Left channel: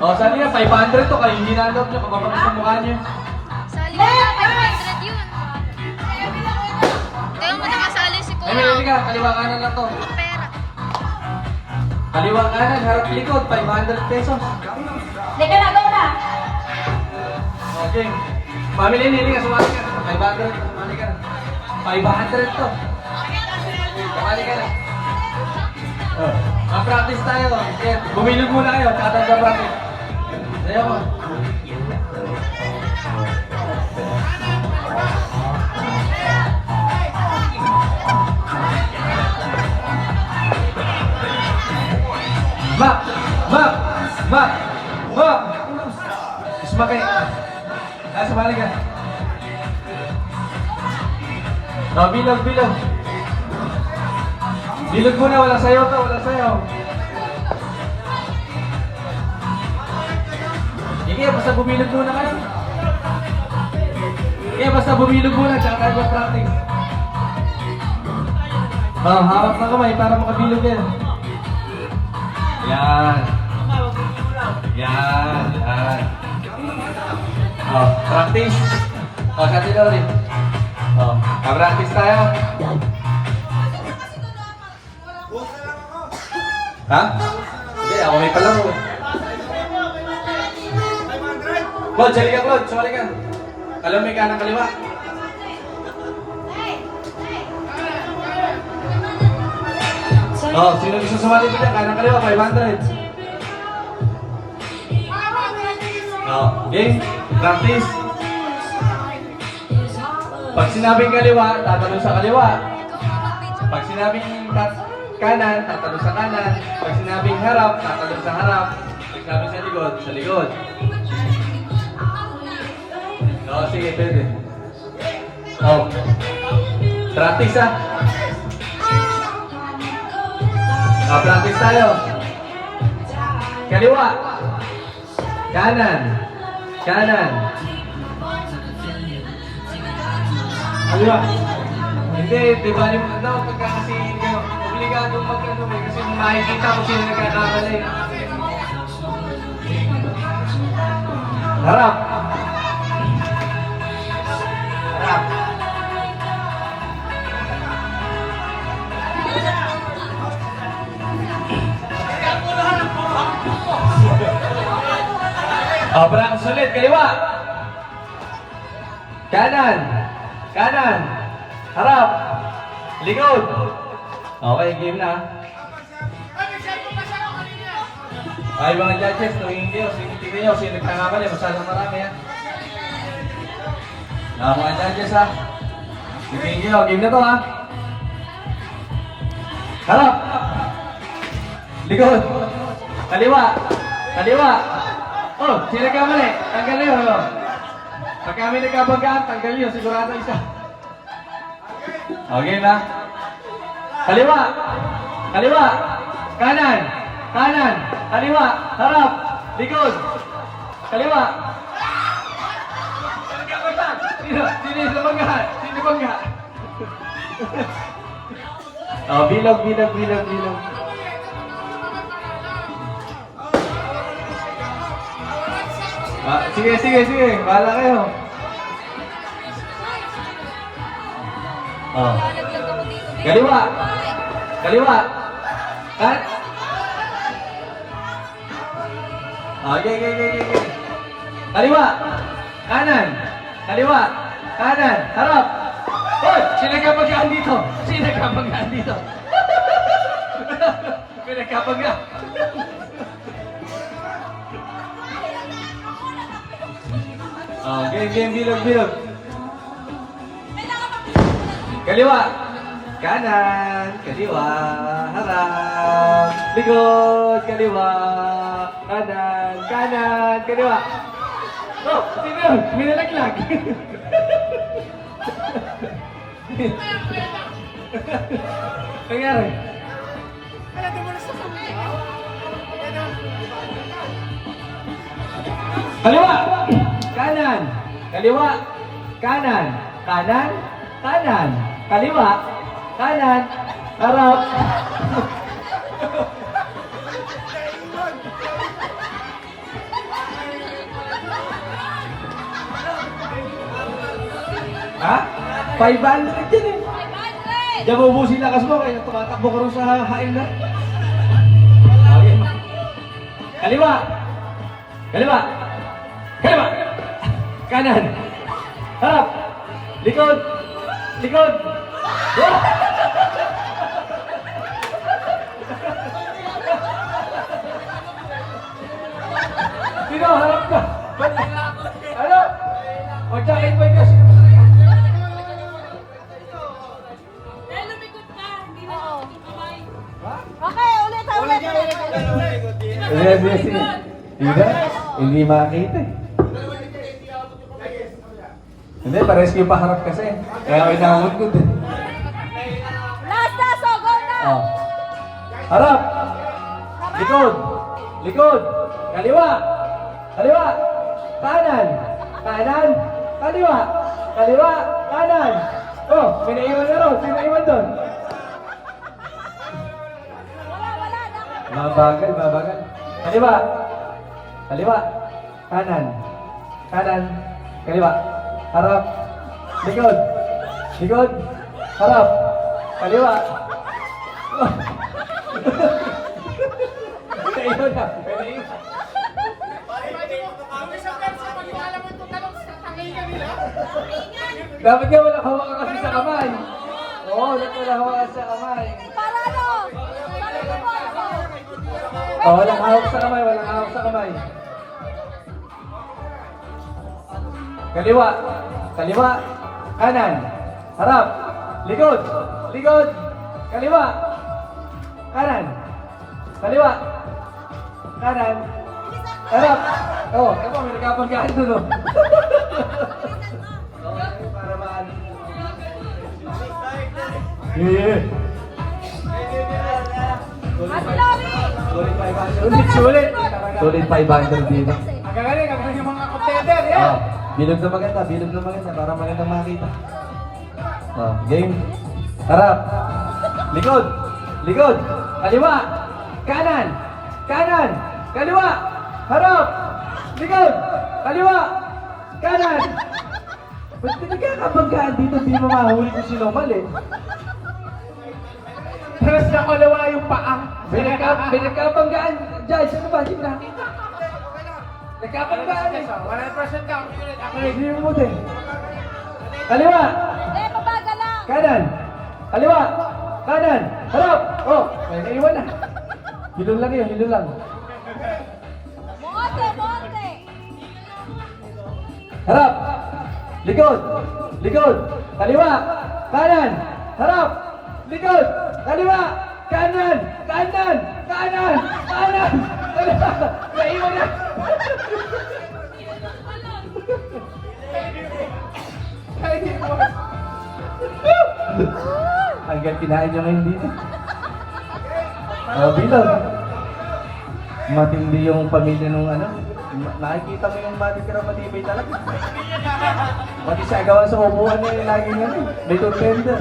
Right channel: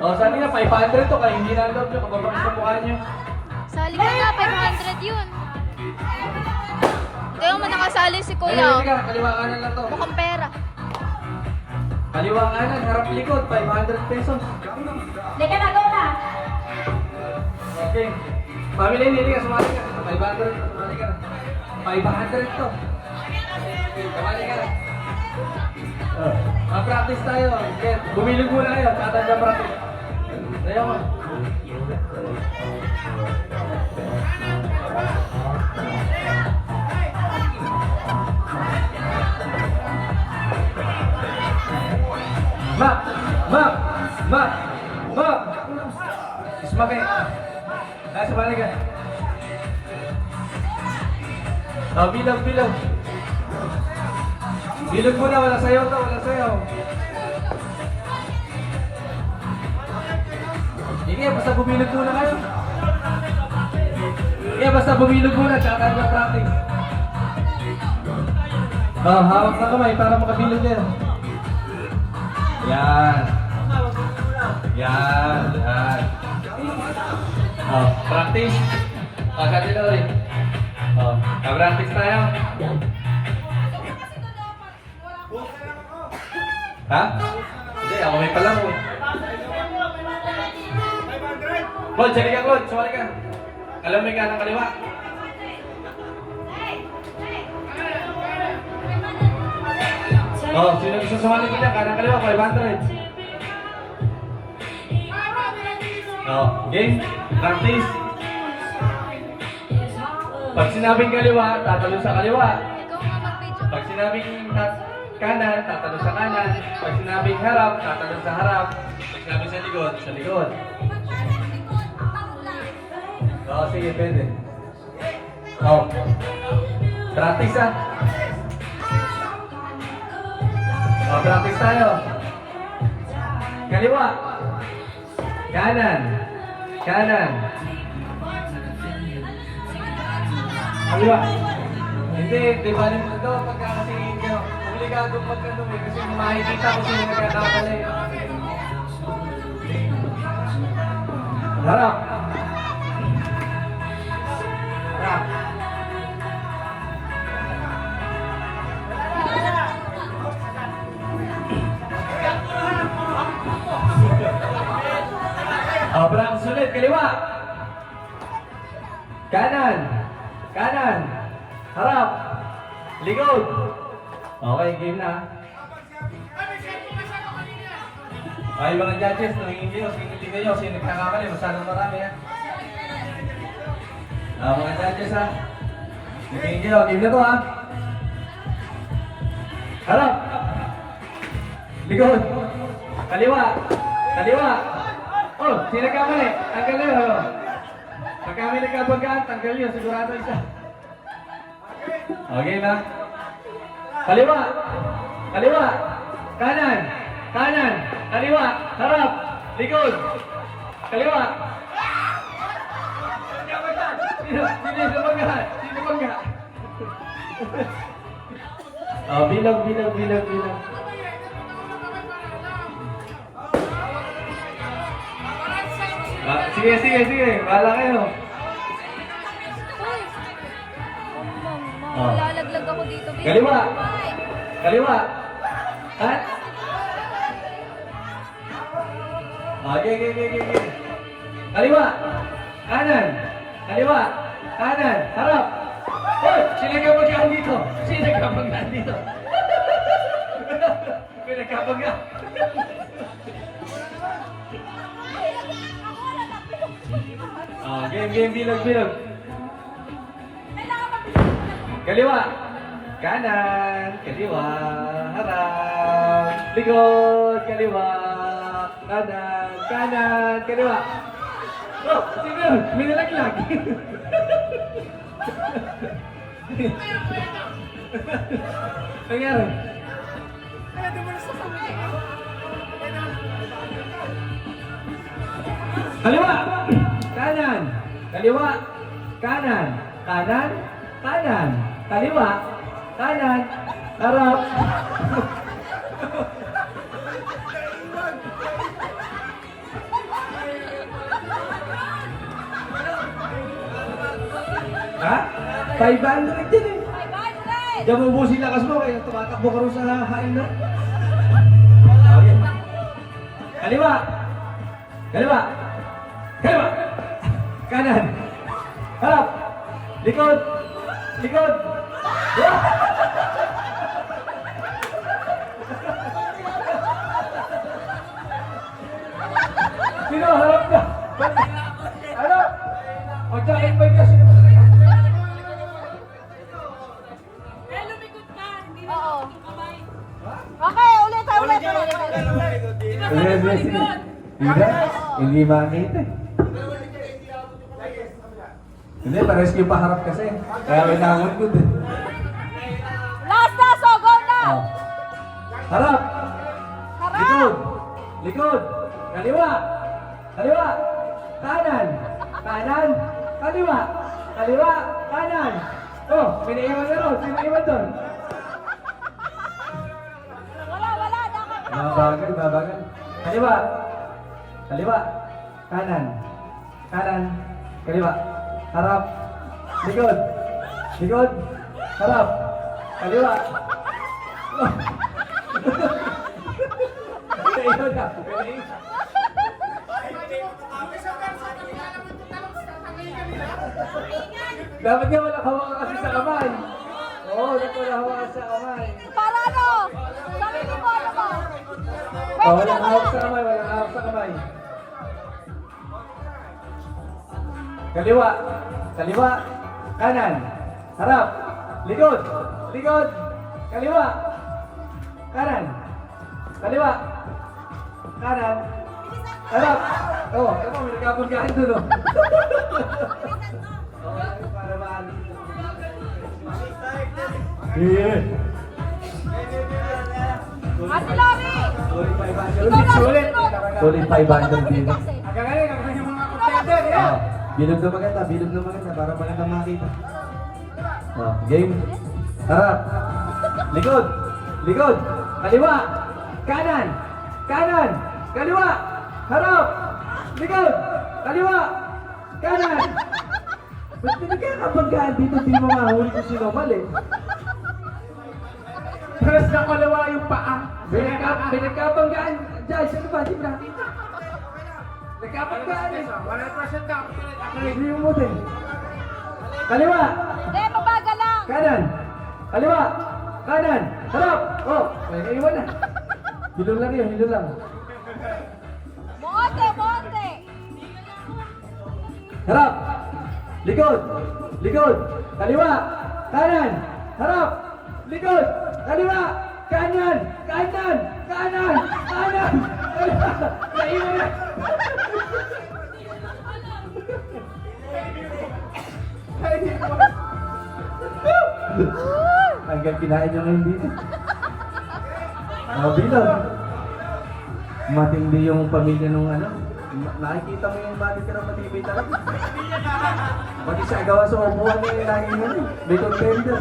O, sali na, 500 to. Kayo hindi na-load nyo. Kababang sa mukha nyo. Sali na, 500 yun. Kaya mo nakasali si Eh, Kuya. may ka. Kaliwa kanan lang to. Mukhang pera. Kaliwa kanan, harap likod. 500 pesos. Teka na, go na. Okay. Family, hindi ka. Sumali ka. 500. Sumali ka. 500 to. Sumali ka. Oh. Ma-practice tayo. Okay. Bumilog muna kayo. Tatanda practice. Sayo mo. Map! Map! Map! Map! Ismakay. Sumali ka. Oh, bilog, bilog. Bilog muna, walang sayaw to, walang sayaw. Sige, basta bumilog muna kayo. Sige, basta bumilog muna, tsaka tayo practice. Oh, hawak na kamay para makabilog kayo. Yan. Yan. Yan. Oh, practice. Oh, sa atin na rin. Oh, ka-practice tayo. Ha? Hindi, ako may palaro. Claude, sali ka, Claude. Sumali ka. Alam mo ka ng kaliwa. Oh, sino gusto sumali ka dyan? Kanang kaliwa, 500. Oh, game. Practice. Pag sinabing kaliwa, tatalon sa kaliwa. Ikaw nga mag-video. Pag sinabing kanan, tatalon sa kanan. Pag sinabing harap, tatalon sa harap. Pag sinabing sa likod, sa likod. Oh, sige, pwede. Oh. Practice ah. Oh, practice tayo. Kaliwa. Kanan. Kanan. Kaliwa. Hindi, di ba yung ano, pagka kasi obligado mag-ano eh, kasi makikita ko sino nagkakakala eh. Harap. Harap. Practice ulit, kaliwa. Kanan. Kanan. Harap. Likod. Okay, game na. Ay, mga judges, tumingin kayo. Tingnan nyo, sino nagkakamali. Masyadong marami, ha? Mga judges, ha? Tingin kayo, game na to, ha? Harap. Likod. Kaliwa. Kaliwa. Oh, sino nagkamali? Tanggal nyo, oh. Pag kami nagkabanggaan, tanggal nyo. Sigurado isa. Okay na. Kaliwa. Kaliwa. Kanan. Kanan. Kaliwa. Harap. Likod. Kaliwa. Sino? Sino sa bangga? Sino bangga? Oh, bilog, bilog, bilog, bilog. Ah, sige, sige, sige. Bahala kayo. Oh. Lalaglag ako dito. Kaliwa. Kaliwa. Kan? Okay, okay, okay, okay. Kaliwa. Kanan. Kaliwa. Kanan. Harap. Hoy! Sino nagkabanggaan dito? Sino nagkabanggaan dito? May nagkabanggaan. Oh, game, game, bilog, bilog. Kaliwa. Kanan. Kaliwa. Harap. Likod. Kaliwa. Kanan. Kanan. Kaliwa. Oh, sino yun? May nalaglag. Nangyari? Kaliwa. Kanan. Kaliwa. Kanan. Kanan. Kanan. Kaliwa. Kanan. Harap. 500 yan eh. 500! Diyan mo ubusin lakas mo, kaya tumatakbo ka rin sa hain na. Okay. Kaliwa! Kaliwa! Kaliwa! Kanan! Harap! Likod! Likod! Sino? Harap ka! Ano? O, jacket boy kasi. Eh, lumikot ka. Hindi na ako yung kamay. Ha? Okay, ulit. Hindi makakita eh. Hindi, pares yung paharap kasi. Kaya ako inahamon ko din. Last na, so go na! Oh. Harap! Likod! Likod! Kaliwa! Kaliwa! Kanan! Kanan! Kaliwa! Kaliwa! Kanan! Oh, may naiwan na ron. May naiwan doon. Babagal, babagal. Kaliwa! Kaliwa! Kanan! Kanan! Kaliwa! Harap! Likod! Likod! Harap! Kaliwa! Oh. Naiwan na. May naiwan. Dapat nga wala hawak ka kasi sa kamay. Oo, dapat wala hawak sa kamay. Para ano? Oo, walang hawak sa kamay, walang hawak sa kamay. Kaliwa, kaliwa, kanan, harap, likod, likod, kaliwa, kanan, kaliwa, kanan, harap. Oh, eto, may nagkapagkaan doon, oh. Para maalis. Yeah. Sulit 500. Sulit. Sulit 500 dito. Ang gagaling yung mga contender, yan! Oh, bilog na maganda para maganda makita. Oh, game. Harap. Likod. Likod. Kaliwa. Kanan. Kanan. Kaliwa. Harap. Likod. Kaliwa. Kanan. Ba't pinagkakabanggaan dito? Di mo mahuli kung sino mali. Tapos na kalawa yung paa. Pinagkabanggaan dyan. Sino ba? Hindi mo nakita. Nagkabanggaan eh. 100% na. Hindi mo din. Kaliwa. Eh, mabagal lang. Kanan. Kaliwa. Kanan. Harap. Oh, may naiwan na. Hilong lang yun, hilong lang. Monte, monte. Harap. Likod. Likod. Kaliwa. Kanan. Harap. Likod. Kaliwa. Kanan. Kanan. Kanan. Kanan. Kaliwa. Naiwan na. Hanggang kinain nyo ngayon dito. Oh, bilog. Matindi yung pamilya nung ano. Nakikita mo yung matitira matibay talaga. Pati siya gawa sa upuan niya yung laging ano. May contender.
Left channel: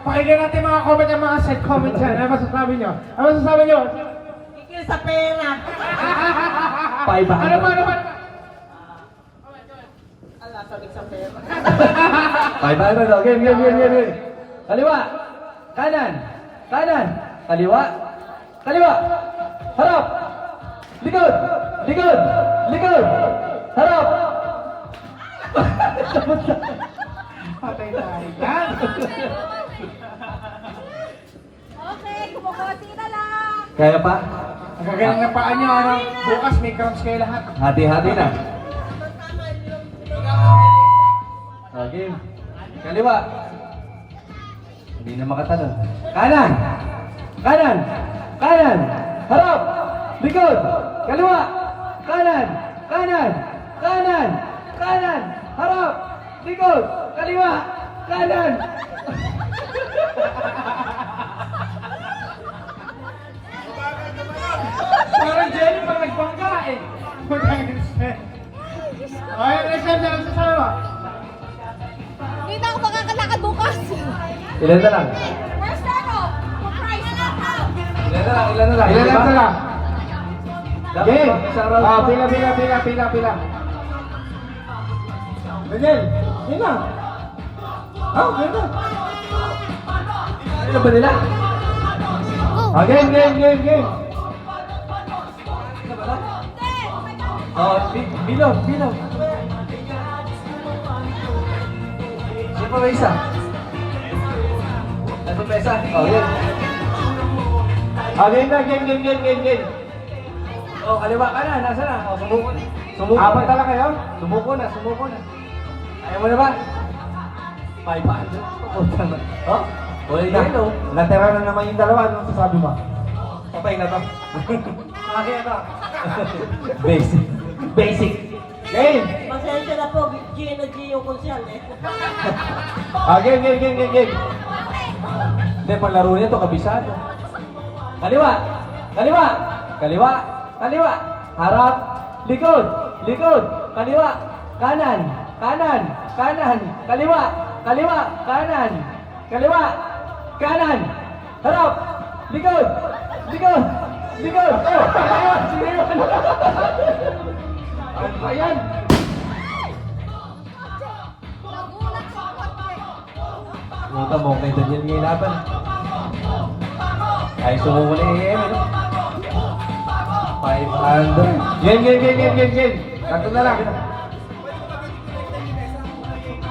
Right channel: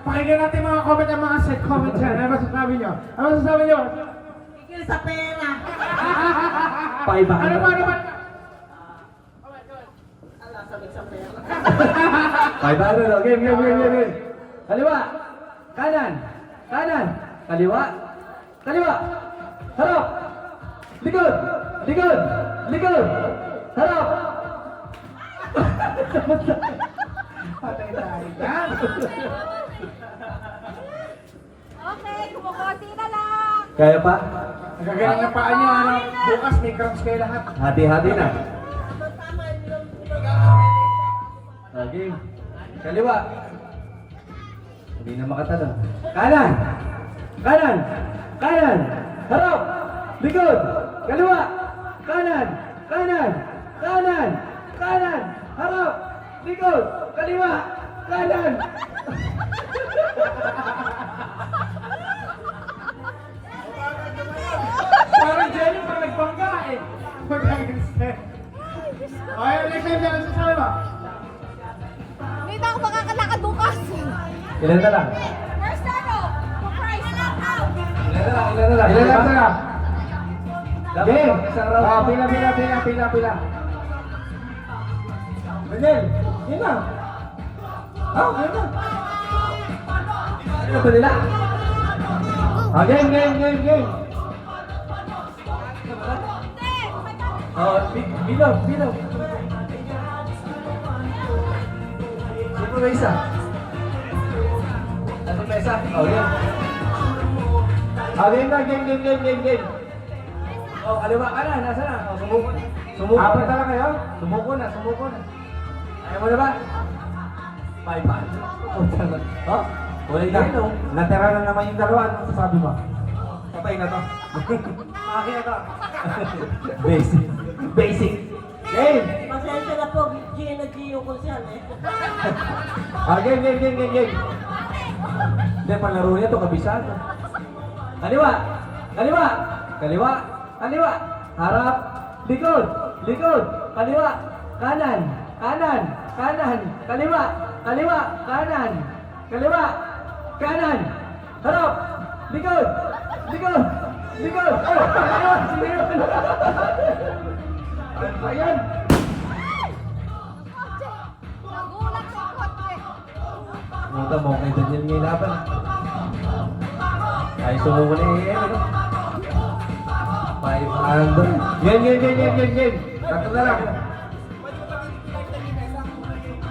Pakinggan natin mga comment ang mga side comments yan. Ano masasabi nyo? Ano masasabi nyo? Tigil sa pera! 500. Ano ba? 500. Okay, game. Kaliwa. Kanan. Kanan. Kaliwa. Kaliwa. Harap. Likod. Likod. Likod. Harap. Patay tayo yan! Okay, bumati na lang. Kaya pa? Ang gagaling na paa nyo, ano? Bukas may crowns kayo lahat. Hati-hati na. Okay. Kaliwa. Hindi na makatalon. Kanan. Kanan. Kanan. Harap. Likod. Kaliwa. Kanan. Kanan. Kanan. Kanan. Harap. Likod. Kaliwa. Kanan. Parang Jenny pag nagbangga eh. Okay, next time dyan, sasama. Dito ako makakatakan bukas. Ilan na lang? First ano? Surprise na lang how? Ilan na lang? Ilan na lang? Ilan Diba? na lang? Dapat Game! isang round pa. Pila. Daniel, yun na. Game na. Ano ba nila? Game. Oh, bilog. Sino pa isa? Ito pa isa? Oh, yan. Game. Oh, kaliwa ka na. Nasa na? Oh, sumuko na. Apat na lang kayo? Sumuko na. Ayaw mo na ba? 500. Pupunta na. Oh? Wala yellow. Natira na naman yung dalawa. Anong sasabi mo? Patay na to. Akin na to. Basic. Game! Pasensya na po, Gino yung konsyal eh. Game. Hindi, panglaro niya to, kabisado. Kaliwa. Harap. Likod. Kaliwa. Kanan. Kaliwa. Kanan. Harap. Likod. Oh, sino yun? Ayan. Huwag mo kay Daniel ngayon laban. Ay, sumuko na yung 500. Game. Tatlo na lang.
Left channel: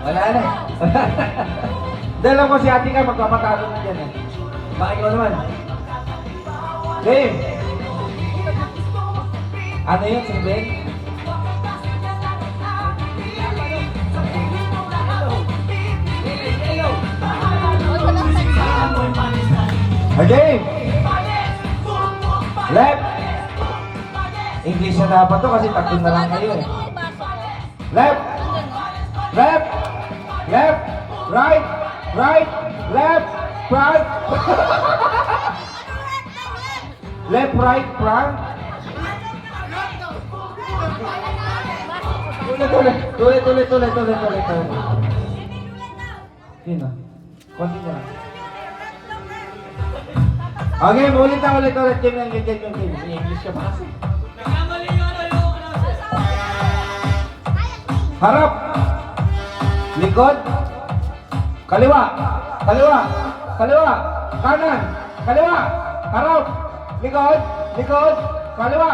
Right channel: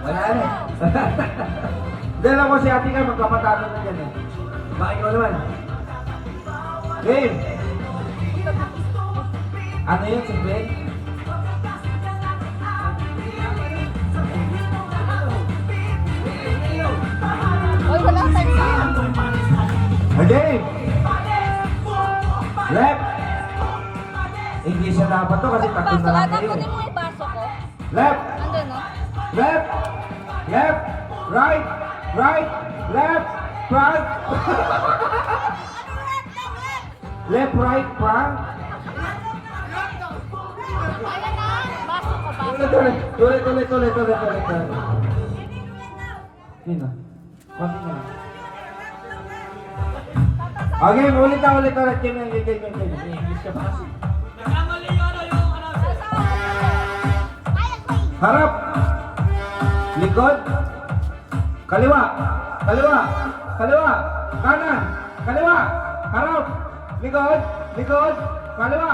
Wala na. Dala mo si ate ka, magpapatalo na dyan eh. Bakit ikaw naman? Game! Ano yun, single? Game! Left! English na dapat to kasi tatlo na lang kayo eh. Left! Right! Left! Front! Left, right, front! Tuloy. Sino? Konti na lang. Okay, ulit. Game. English ka pa kasi. Harap. Likod. Kaliwa. Kanan. Kaliwa. Harap. Likod. Kaliwa.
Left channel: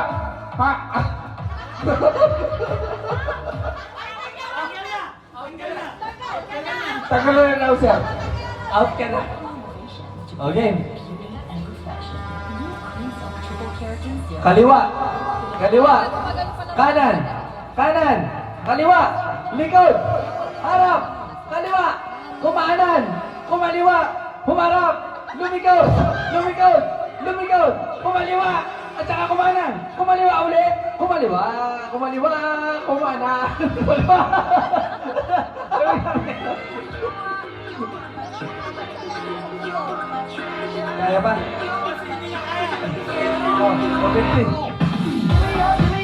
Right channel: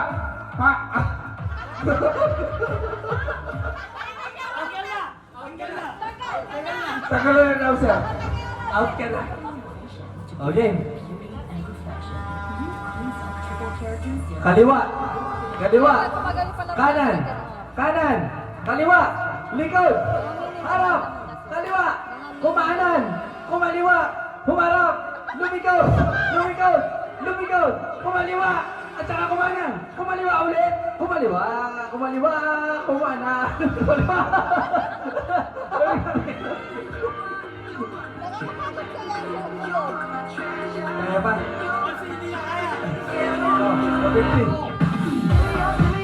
Tagalan na daw sir. Out ka na. Okay. Kaliwa. Kanan. Kaliwa. Likod. Harap. Kaliwa. Kumaliwa. Humarap. Lumikod. Kumaliwa. At saka kumanan. Kumaliwa ulit. Kumana. Kumaliwa. Kaya ba? Oh, 50.